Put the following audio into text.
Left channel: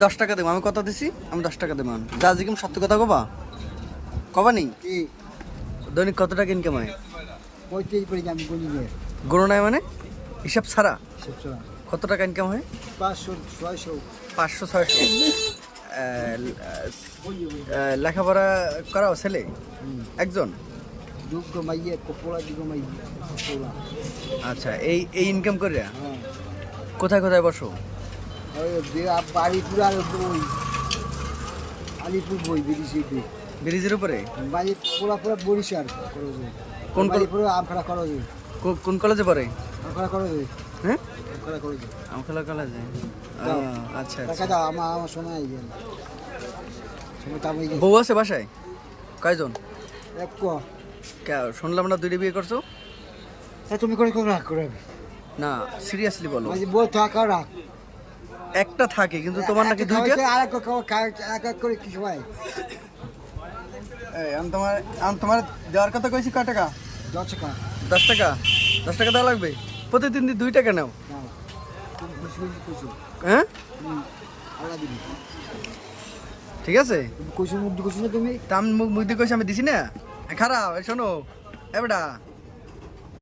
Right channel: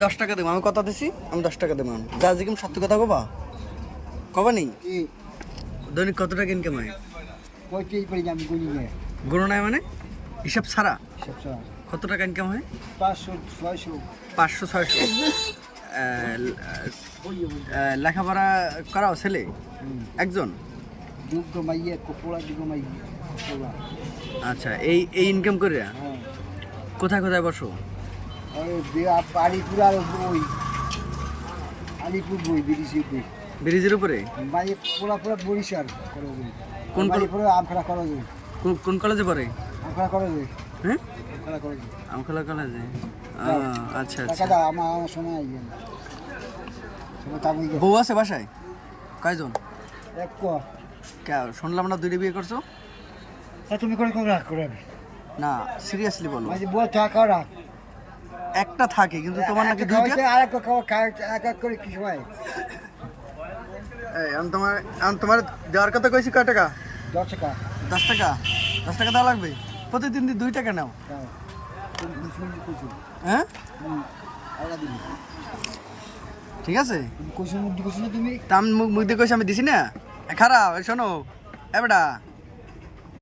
10 টাকা দেবো আমি কথা দিছি আমি 10 টাকা দেবো যা জিকিম সত্যি কথা কবা কবা নেই দৈনিক কত টাকা ইনকাম হয় গুণ নাই মানে হিসাব ছাড়া কত টাকা ইনকাম হয় 500-600 লেখাপড়া করাও ছেলে একজন আচ্ছা এই এই ইনকাম করে কোথায় কোথায় বসো ব্রিজের উপরে কোন কলেজে পড়ে হ্যাঁ আমখোলা কলেজে আচ্ছা আচ্ছা বউ আছে বাসায় কয়জন শুনলাম না 2টা বিয়ে করছো তুমি করে রাগ করে না সিরিয়াসলি বলো রাখ একটা থাকে কিন্তু তোমার নাকি দুইটা করে কি ভাই আমি তোমার দেওয়ার কথা কইছি কয় টাকা 10 টাকা 10 টাকা 10 টাকা দেওয়া লাগবে প্রতিদিন 2 টাকা নাও হ্যাঁ ঠিক আছে তুমি মুখ দিয়ে কইছি আমি দিছি না খারাপ শোনো এ বেটা